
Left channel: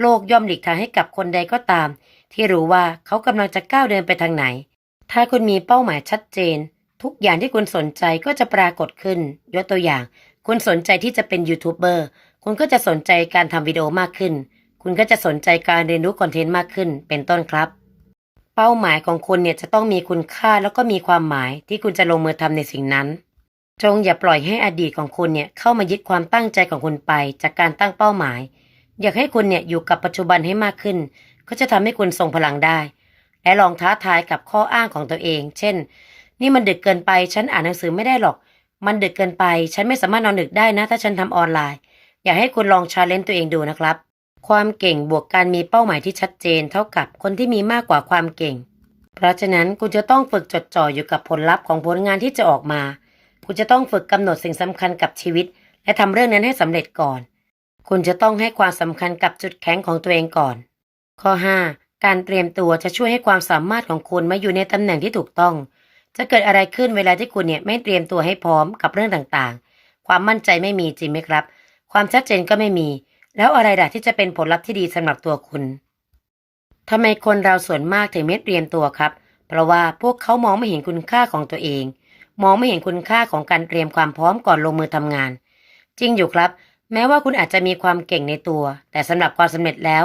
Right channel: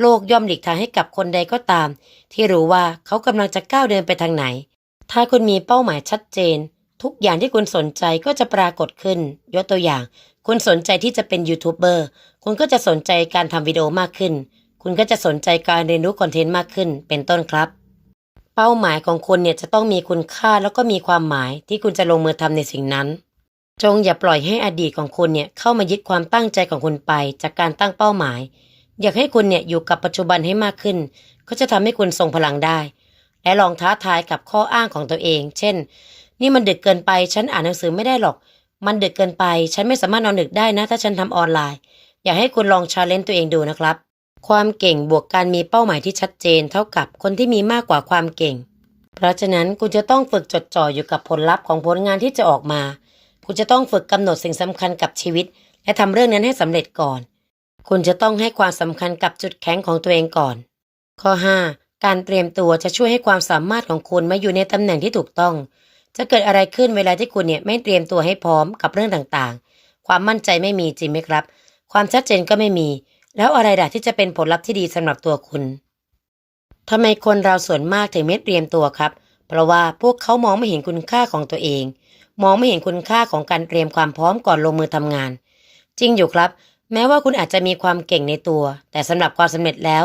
โลกย่อมหลีกทางให้กับคนใดก็ตาม ที่รู้ว่าเขากำลังจะก้าวเดินไปทางไหน ถ้าคุณมีเป้าหมายชัดเจน ทุกอย่างที่คุณสนใจก็จะปรากฏขึ้น ยกตัวอย่าง คุณสนใจที่จะเป็นยูทูบเบอร์ คุณก็จะสนใจการทำวิดีโอมากขึ้น คุณก็จะสนใจการเรียนรู้คอนเทนต์มากขึ้น เป็นต้นครับ เป้าหมายของคุณเนี่ยจะต้องมีคุณค่าแล้วก็มีความหมายที่คุณจะลงมือทำในสิ่งนั้น จงอย่าปล่อยให้อดีตของคุณเนี่ยเข้ามายึดความตั้งใจของคุณไป จากการตั้งเป้าหมาย อยากให้คุณเนี่ยอยู่กับปัจจุบันให้มากขึ้น ก็จะทำให้คุณทรงพลังได้ และลองท้าทายกับข้ออ้างของตัวเอง เช่น นี่มันดึกเกินไป ฉันอ่านหนังสือไม่ได้หรอก มันดึกเกินไป ฉันไม่สามารถนอนดึกได้นะ ถ้าฉันทำออนไลน์ อยากให้คุณลองชาเลนจ์ตัวเองดูนะครับ ความเก่งบวกการมีเป้าหมายที่ชัดเจน เท่ากับคนที่มีมากกว่าความเก่ง เพราะฉะนั้นคุณจะต้องฝึกจดจ่ออยู่กับผลลัพธ์ของผลงานที่จะออกมา คุณจะต้องฝึกกำหนดสิ่งสำคัญกับชีวิต และทำเรื่องนั้นให้สำเร็จก่อน คุณจะต้องให้ความสำคัญกับจุดแข็งของตัวเองก่อน ข้อ 5. การเตรียมตัวจะช่วยให้ความสามารถของคุณมาอยู่ในตำแหน่งที่ถูกต้อง จะเกิดอะไรขึ้นเวลาที่คุณเนี่ยไม่เตรียมตัวให้พร้อมกับเรื่องต่างๆ ความมั่นใจไม่มีจริงไหมครับ ความชัดเจนก็ไม่มี แล้วอะไรล่ะที่จะเป็นผลลัพธ์ที่ดีสำหรับตัวคุณทำไมคนเราส่วนมากถึงไม่เตรียมตัวครับ เพราะว่าพวกเขามองไม่เห็นคุณค่าของตัวเอง มองไม่เห็นคุณค่าของการเตรียมความพร้อมก่อนลงมือทำงาน จริงอยู่ครับ แม้ว่าคุณอาจจะมีความเก่งในตัว แต่สำหรับความสำเร็จแล้ว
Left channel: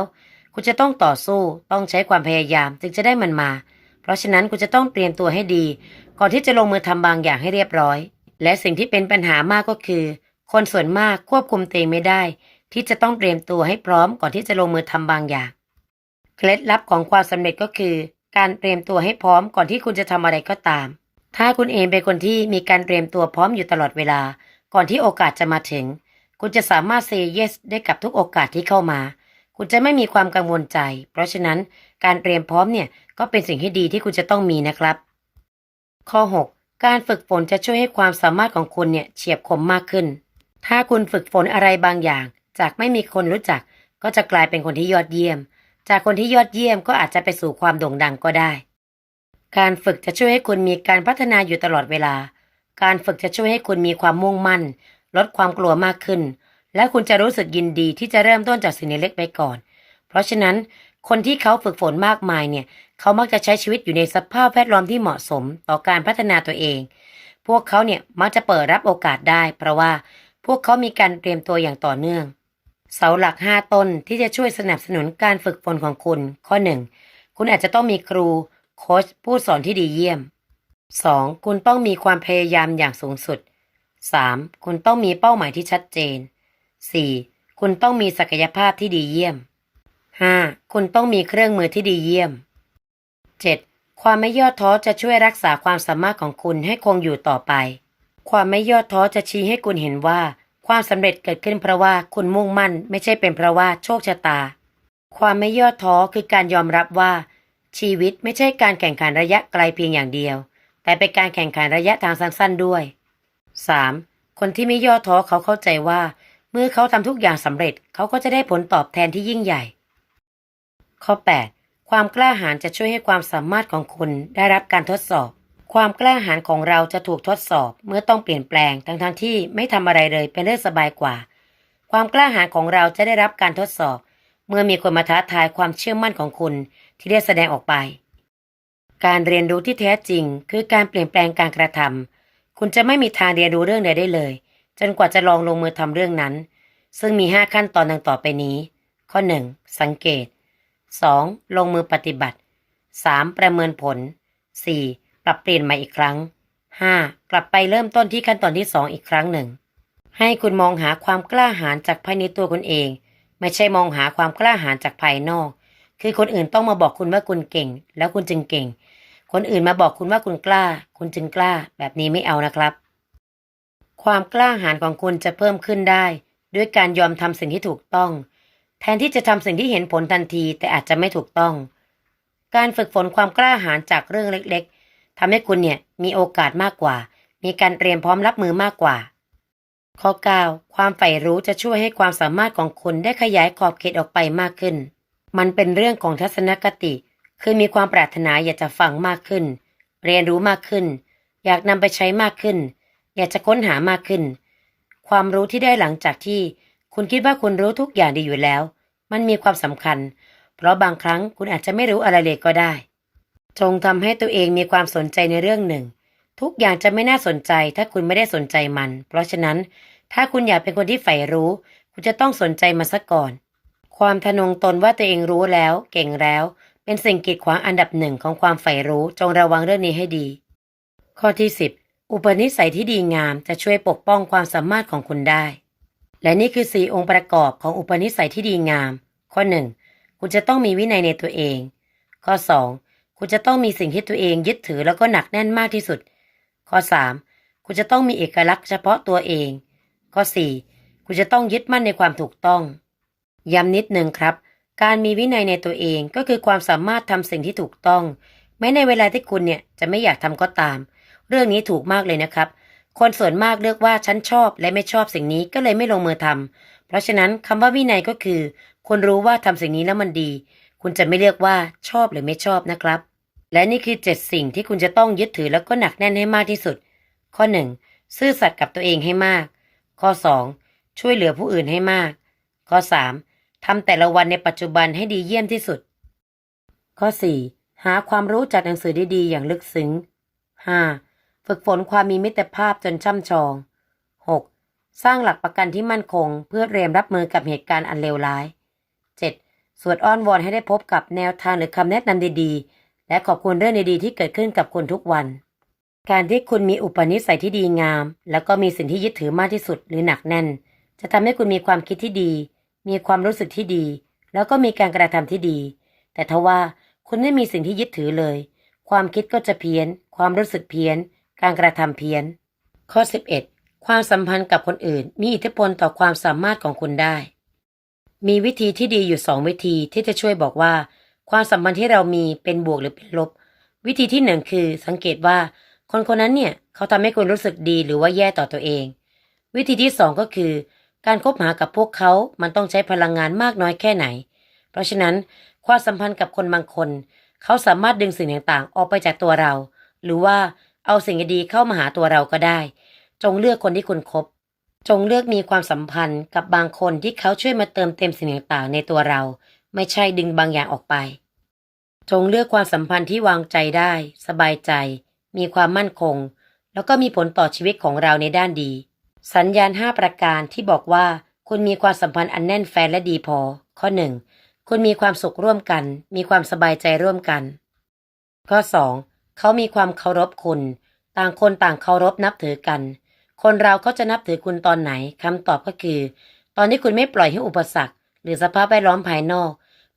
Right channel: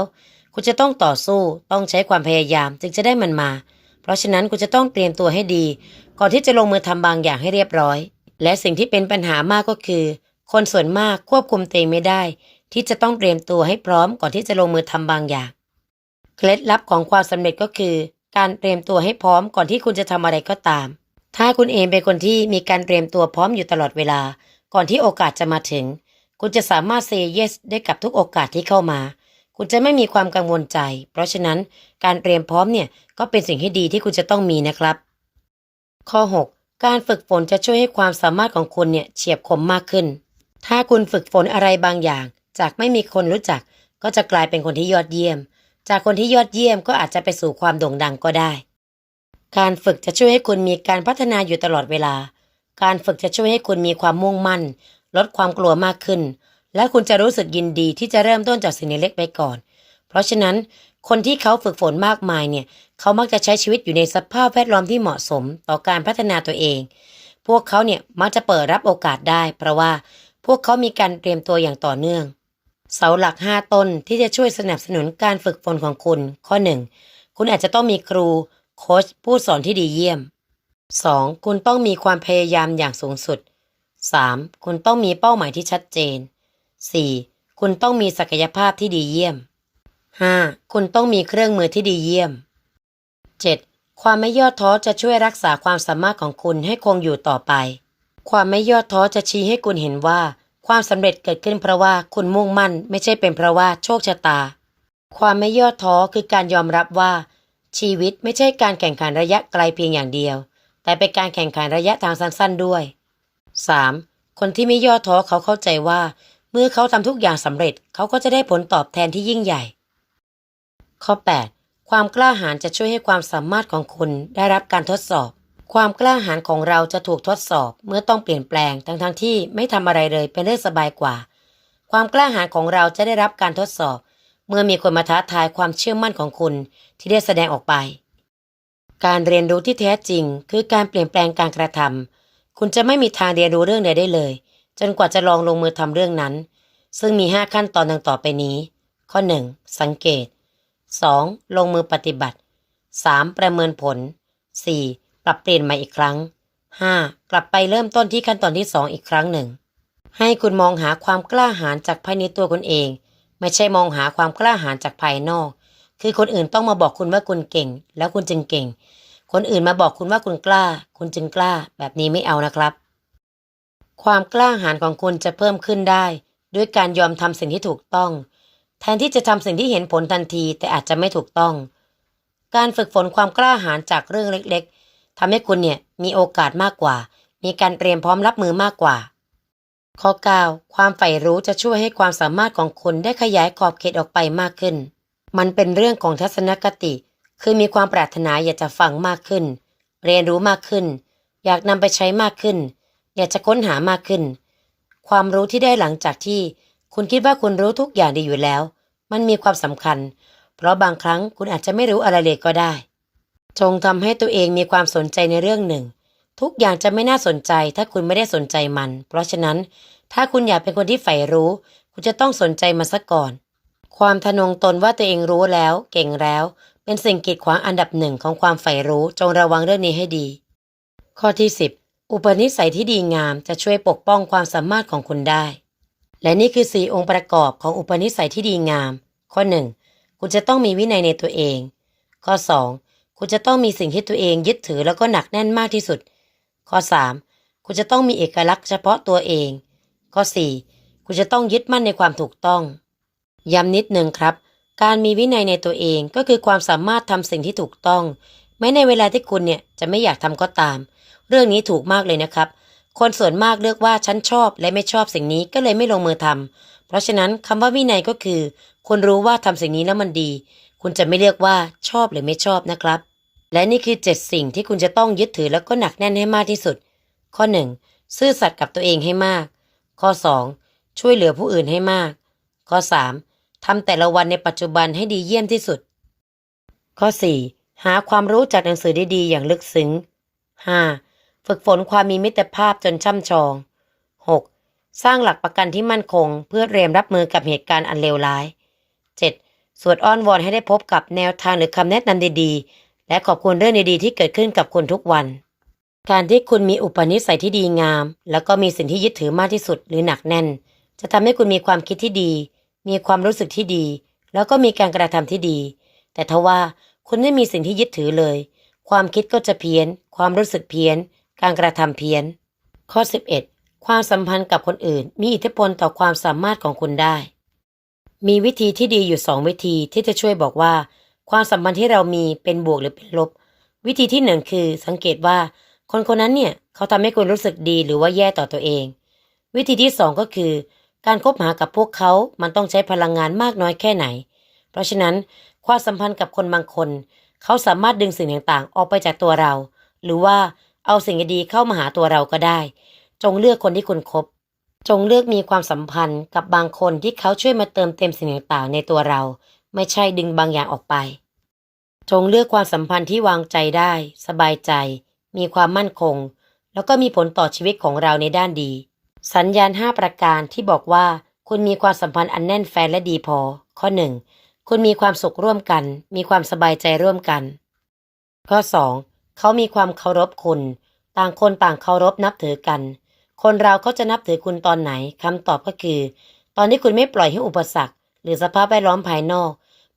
คุณจะต้องต่อสู้ ต้องใช้ความพยายามจึงจะได้มันมา เพราะฉะนั้นคุณจะต้องเตรียมตัวให้ดี ก่อนที่จะลงมือทำบางอย่างให้เรียบร้อย และสิ่งที่เป็นปัญหามากก็คือ คนส่วนมากควบคุมตัวเองไม่ได้ ที่จะต้องเตรียมตัวให้พร้อมก่อนที่จะลงมือทำบางอย่าง เคล็ดลับของความสำเร็จก็คือ การเตรียมตัวให้พร้อมก่อนที่คุณจะทำอะไรก็ตาม ถ้าคุณเองเป็นคนที่มีการเตรียมตัวพร้อมอยู่ตลอดเวลา ก่อนที่โอกาสจะมาถึง คุณจะสามารถ say yes ได้กับทุกโอกาสที่เข้ามา คุณจะไม่มีความกังวลใจ เพราะฉะนั้นการเตรียมพร้อมเนี่ยก็เป็นสิ่งที่ดีที่คุณจะต้องมีนะครับ ข้อ 6 การฝึกฝนจะช่วยให้ความสามารถของคุณเนี่ยเฉียบคมมากขึ้น ถ้าคุณฝึกฝนอะไรบางอย่าง จากไม่มีคนรู้จัก ก็จะกลายเป็นคนที่ยอดเยี่ยม จากคนที่ยอดเยี่ยมก็อาจจะไปสู่ความโด่งดังก็ได้ การฝึกจะช่วยให้คุณมีการพัฒนาอยู่ตลอดเวลา การฝึกจะช่วยให้คุณมีความมุ่งมั่น ลดความกลัวมากขึ้น และคุณจะรู้สึกยินดีที่จะเริ่มต้นจากสิ่งเล็กๆไปก่อน เพราะฉะนั้นคนที่เขาฝึกฝนมากมายเนี่ยเขามักจะใช้ชีวิตอยู่ในสภาพแวดล้อมที่เหมาะสมต่อการพัฒนาตัวเอง พวกเขาเนี่ยมักจะเปิดรับโอกาสได้ เพราะว่าพวกเขามีการเตรียมตัวอย่างต่อเนื่อง เสาหลัก 5 ต้นที่จะช่วยสนับสนุนการฝึกฝนของคุณ ข้อ 1 คุณอาจจะต้องมีครูโค้ชผู้สอนที่ดีเยี่ยม 2. คุณต้องมีความพยายามอย่างสูงสุด 3. คุณต้องมีเป้าหมายที่ชัดเจน 4. คุณต้องมีศักยภาพที่ดีเยี่ยม 5. คุณต้องมีเครื่องมือที่ดีเยี่ยม 7. ความไม่ย่อท้อจะช่วยรักษาความสามารถของคุณให้คงอยู่ต่อไป ความไม่ย่อท้อจะชี้ให้คุณเห็นว่า ความสำเร็จเกิดขึ้นเพราะว่าคุณมุ่งมั่น ไม่ใช่เป็นเพราะว่าโชคชะตา ความไม่ย่อท้อคือการยอมรับว่า ชีวิตไม่ใช่การแข่งขันระยะไกลเพียงอย่างเดียว แต่เป็นการแข่งขันระยะทางสั้น ๆด้วย 3. คนที่ไม่ย่อท้อเขาเข้าใจว่า เมื่อเขาทำทุกอย่างสำเร็จเขาก็จะได้ผลตอบแทนที่ยิ่งใหญ่ ข้อ 8. ความกล้าหาญจะช่วยให้ความสามารถของคุณได้รับการทดสอบ ความกล้าหาญของเราจะถูกทดสอบ เมื่อต้องเปลี่ยนแปลงทั้งๆทที่ไม่ทำอะไรเลยเป็นเรื่องสบายกว่า ความกล้าหาญของเราจะได้รับการทดสอบ เมื่อมีคนมาท้าทายความเชื่อมั่นของคุณที่ได้แสดงออกไป การเรียนรู้ที่แท้จริง คือการเปลี่ยนแปลงการกระทำคุณจะไม่มีทางเรียนรู้เรื่องใดได้เลย จนกว่าจะลองลงมือทำเรื่องนั้น ซึ่งมี 5 ขั้นตอนดังต่อไปนี้ ข้อ 1. สังเกต 2. ลงมือปฏิบัติ 3. ประเมินผล 4. ปรับเปลี่ยนใหม่อีกครั้ง 5. กลับไปเริ่มต้นที่ขั้นตอนที่ 2 อีกครั้งหนึ่ง ให้คุณมองหาความกล้าหาญจากภายในตัวคุณเอง ไม่ใช่มองหาความกล้าหาญจากภายนอก คือคนอื่นต้องมาบอกคุณว่าคุณเก่ง แล้วคุณจึงเก่ง คนอื่นมาบอกคุณว่าคุณกล้า คุณจึงกล้า แบบนี้ไม่เอานะครับ ความกล้าหาญของคุณจะเพิ่มขึ้นได้ ด้วยการยอมทำสิ่งที่ถูกต้อง แทนที่จะทำสิ่งที่เห็นผลทันทีแต่อาจจะไม่ถูกต้อง การฝึกฝนความกล้าหาญจากเรื่องเล็กๆทำให้คุณเนี่ยมีโอกาสมากกว่า มีการเตรียมพร้อมรับมือมากกว่า ข้อ 9 ความใฝ่รู้จะช่วยให้ความสามารถของคุณได้ขยายขอบเขตออกไปมากขึ้น มันเป็นเรื่องของทัศนคติ คือมีความปรารถนาอยากจะฟังมากขึ้น เรียนรู้มากขึ้น อยากนำไปใช้มากขึ้น อยากจะค้นหามากขึ้น ความรู้ที่ได้หลังจากที่ คุณคิดว่าคุณรู้ทุกอย่างดีอยู่แล้ว มันมีความสำคัญ เพราะบางครั้งคุณอาจจะไม่รู้อะไรเลยก็ได้ จงทำให้ตัวเองมีความสนใจในเรื่องหนึ่ง ทุกอย่างจะไม่น่าสนใจ ถ้าคุณไม่ได้สนใจมัน เพราะฉะนั้น ถ้าคุณอยากเป็นคนที่ใฝ่รู้ คุณจะต้องสนใจมันซะก่อน ความทะนงตนว่าตัวเองรู้แล้ว เก่งแล้ว เป็นสิ่งกีดขวางอันดับหนึ่งของความใฝ่รู้ จงระวังเรื่องนี้ให้ดี ข้อที่ 10 อุปนิสัยที่ดีงามจะช่วยปกป้องความสามารถของคุณได้ และนี่คือสี่องค์ประกอบของอุปนิสัยที่ดีงาม ข้อ 1 คุณจะต้องมีวินัยในตัวเอง ข้อ 2 คุณจะต้องมีสิ่งที่ตัวเองยึดถือแล้วก็หนักแน่นมากที่สุด ข้อ 3 คุณจะต้องมีเอกลักษณ์เฉพาะตัวเอง ข้อ 4 คุณจะต้องยึดมั่นในความถูกต้อง ย้ำนิดหนึ่งครับ การมีวินัยในตัวเองก็คือความสามารถทำสิ่งที่ถูกต้อง แม้ในเวลาที่คุณเนี่ยจะไม่อยากทำก็ตาม เรื่องนี้ถูกมากเลยนะครับ คนส่วนมากเลือกว่าฉันชอบและไม่ชอบสิ่งนี้ก็เลยไม่ลงมือทำเพราะฉะนั้นคำว่าวินัยก็คือคุณรู้ว่าทำสิ่งนี้แล้วมันดี คุณจะไม่เลือกว่าชอบหรือไม่ชอบนะครับ และนี่คือ 7 สิ่งที่คุณจะต้องยึดถือแล้วก็หนักแน่นให้มากที่สุด ข้อ 1. ซื่อสัตย์กับตัวเองให้มาก ข้อ 2. ช่วยเหลือผู้อื่นให้มาก ข้อ 3. ทำแต่ละวันในปัจจุบันให้ดีเยี่ยมที่สุด ข้อ 4. หาความรู้จากหนังสือดีๆอย่างลึกซึ้ง 5. ฝึกฝนความมีมิตรภาพจนช่ำชอง 6. สร้างหลักประกันที่มั่นคง เพื่อเตรียมรับมือกับเหตุการณ์อันเลวร้าย 7. สวดอ้อนวอนให้ได้พบกับแนวทางหรือคำแนะนำดีๆ และขอบคุณเรื่องดีๆ ที่เกิดขึ้นกับคุณทุกวัน การที่คุณมีอุปนิสัยที่ดีงาม แล้วก็มีสิ่งที่ยึดถือมากที่สุดหรือหนักแน่น จะทำให้คุณมีความคิดที่ดี มีความรู้สึกที่ดี แล้วก็มีการกระทำที่ดี แต่ทว่าคุณไม่มีสิ่งที่ยึดถือเลย ความคิดก็จะเพี้ยน ความรู้สึกเพี้ยน การกระทำเพี้ยน ข้อ 11 ความสัมพันธ์กับคนอื่น มีอิทธิพลต่อความสามารถของคุณได้ มีวิธีที่ดีอยู่สองวิธีที่จะช่วยบอกว่า ความสัมพันธ์ที่เรามีเป็นบวกหรือเป็นลบ วิธีที่หนึ่งคือสังเกตว่า คนคนนั้นเนี่ยเขาทำให้คุณรู้สึกดีหรือว่าแย่ต่อตัวเอง วิธีที่สองก็คือ การคบหากับพวกเขา มันต้องใช้พลังงานมากน้อยแค่ไหน เพราะฉะนั้นความสัมพันธ์กับคนบางคน เขาสามารถดึงสิ่งต่างๆ ออกไปจากตัวเรา หรือว่า เอาสิ่งดีๆเข้ามาหาตัวเราก็ได้ จงเลือกคนที่คุณคบ จงเลือกมีความสัมพันธ์กับบางคนที่เขาช่วยมาเติมเต็มสิ่งต่างๆในตัวเรา ไม่ใช่ดึงบางอย่างออกไป จงเลือกความสัมพันธ์ที่วางใจได้ สบายใจ มีความมั่นคง แล้วก็มีผลต่อชีวิตของเราในด้านดี สัญญาณ 5 ประการที่บอกว่า คุณมีความสัมพันธ์อันแน่นแฟนและดีพอ ข้อ 1 คุณมีความสุขร่วมกัน มีความสบายใจร่วมกัน ข้อ 2 เขามีความเคารพคุณ ต่างคนต่างเคารพนับถือกัน คนเราก็จะนับถือคุณตอนไหนคำตอบก็คือ ตอนที่คุณไม่ปล่อยให้อุปสรรค หรือสภาพแวดล้อมภายนอก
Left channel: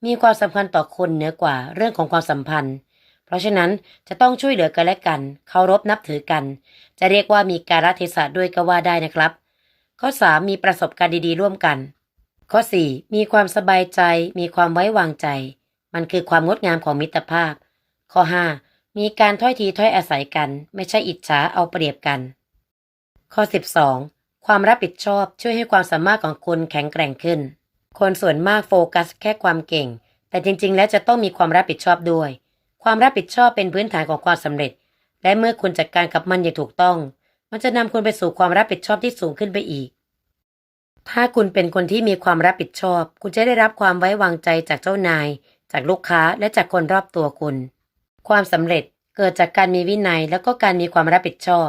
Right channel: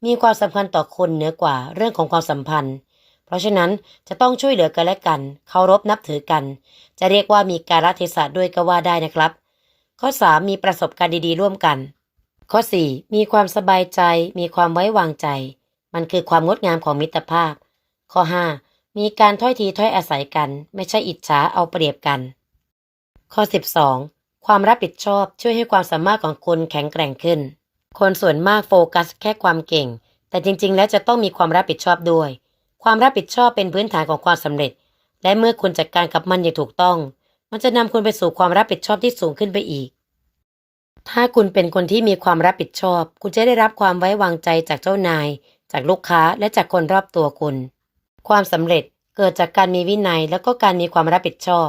มีความสำคัญต่อคนเหนือกว่าเรื่องของความสัมพันธ์ เพราะฉะนั้นจะต้องช่วยเหลือกันและกันเคารพนับถือกัน จะเรียกว่ามีการเทศะด้วยก็ว่าได้นะครับ ข้อ 3 มีประสบการณ์ดีๆ ร่วมกัน ข้อ 4 มีความสบายใจ มีความไว้วางใจ มันคือความงดงามของมิตรภาพ ข้อ 5 มีการถ้อยทีถ้อยอาศัยกัน ไม่ใช่อิจฉาเอาเปรียบกัน ข้อ 12 ความรับผิดชอบช่วยให้ความสามารถของคุณแข็งแกร่งขึ้น คนส่วนมากโฟกัสแค่ความเก่ง แต่จริงๆ แล้วจะต้องมีความรับผิดชอบด้วย ความรับผิดชอบเป็นพื้นฐานของความสำเร็จ และเมื่อคุณจัดการกับมันอย่างถูกต้อง มันจะนำคุณไปสู่ความรับผิดชอบที่สูงขึ้นไปอีก ถ้าคุณเป็นคนที่มีความรับผิดชอบ คุณจะได้รับความไว้วางใจจากเจ้านาย จากลูกค้าและจากคนรอบตัวคุณ ความสำเร็จเกิดจากการมีวินัยแล้วก็การมีความรับผิดชอบ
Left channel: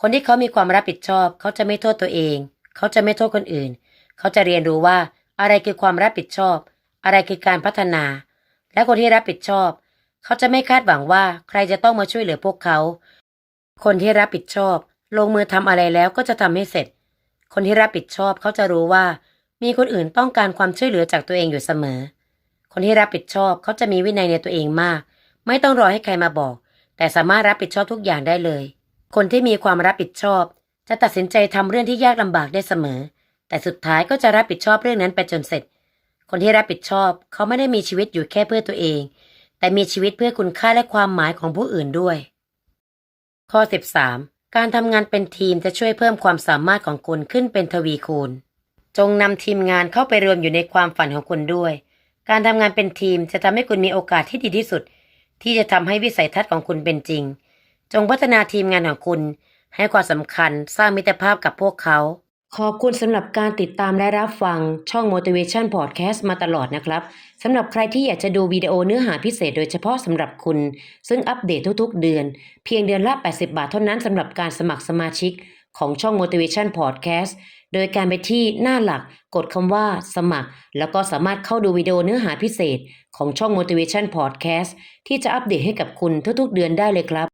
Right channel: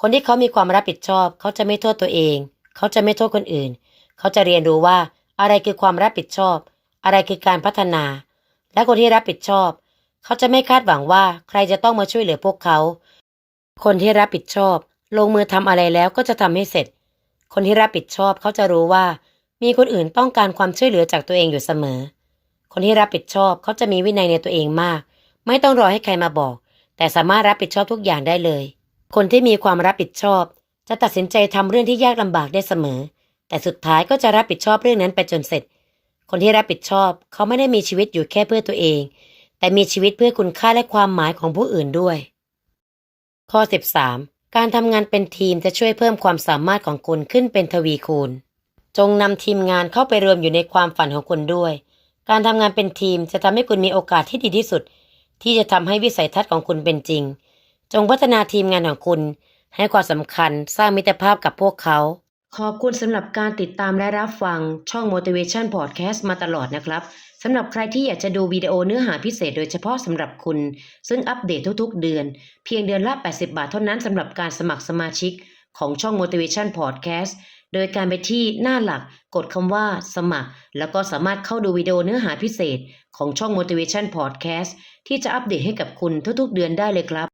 คนที่เขามีความรับผิดชอบ เขาจะไม่โทษตัวเอง เขาจะไม่โทษคนอื่น เขาจะเรียนรู้ว่าอะไรคือความรับผิดชอบ อะไรคือการพัฒนา และคนที่รับผิดชอบ เขาจะไม่คาดหวังว่าใครจะต้องมาช่วยเหลือพวกเขา คนที่รับผิดชอบ ลงมือทำอะไรแล้วก็จะทำให้เสร็จ คนที่รับผิดชอบเขาจะรู้ว่า มีคนอื่นต้องการความช่วยเหลือจากตัวเองอยู่เสมอ คนที่รับผิดชอบเขาจะมีวินัยในตัวเองมาก ไม่ต้องรอให้ใครมาบอก แต่สามารถรับผิดชอบทุกอย่างได้เลย คนที่มีความรับผิดชอบ จะตัดสินใจทำเรื่องที่ยากลำบากได้เสมอ แต่สุดท้ายก็จะรับผิดชอบเรื่องนั้นไปจนเสร็จ คนที่รับผิดชอบ เขาไม่ได้มีชีวิตอยู่แค่เพื่อตัวเอง แต่มีชีวิตเพื่อคุณค่าและความหมายของผู้อื่นด้วย ข้อ 13 การทำงานเป็นทีมจะช่วยเพิ่มความสามารถของคุณขึ้นเป็นทวีคูณ จงนำทีมงานเข้าไปรวมอยู่ในความฝันของคุณด้วย การทำงานเป็นทีมจะทำให้คุณมีโอกาสที่ดีที่สุด ที่จะทำให้วิสัยทัศน์ของคุณเป็นจริง จงพัฒนาทีมงานของคุณ ให้ความสำคัญสร้างมิตรภาพกับพวกเขา ขอบคุณสำหรับการติดตามและรับฟังช่อง Motivation Podcast มาตลอดนะครับสำหรับใครที่อยากจะดูวิดีโอเนื้อหาพิเศษโดยเฉพาะสำหรับคุณ ซึ่งอัปเดตทุกๆ เดือน เพียงเดือนละ 80 บาทเท่านั้นสำหรับการสมัครสมาชิกของช่อง Motivation Podcast โดยการไปที่หน้าหลักกดคำว่าสมัคร แล้วก็สามารถเข้าดูวิดีโอเนื้อหาพิเศษของช่อง Motivation Podcast ที่จะอัปเดตให้กับคุณทุกๆเดือนได้เลยครับ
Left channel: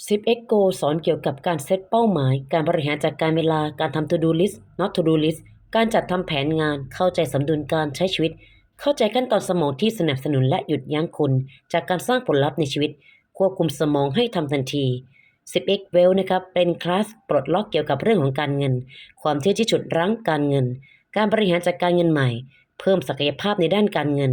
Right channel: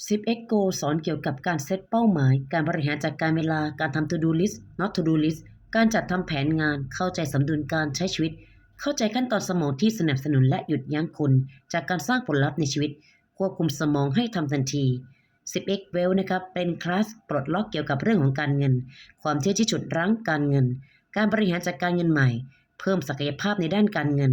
10x Go สอนเกี่ยวกับการเซตเป้าหมาย การบริหารจัดการเวลา การทำ to do list not to do list การจัดทำแผนงาน เข้าใจสมดุลการใช้ชีวิต เข้าใจขั้นตอนสมองที่สนับสนุนและหยุดยั้งคุณจากการสร้างผลลัพธ์ในชีวิต ควบคุมสมองให้ทำทันที 10x Well นะครับ เป็นคลาสปลดล็อกเกี่ยวกับเรื่องของการเงิน ความเชื่อที่ฉุดรั้งการเงิน การบริหารจัดการเงินใหม่ เพิ่มศักยภาพในด้านการเงิน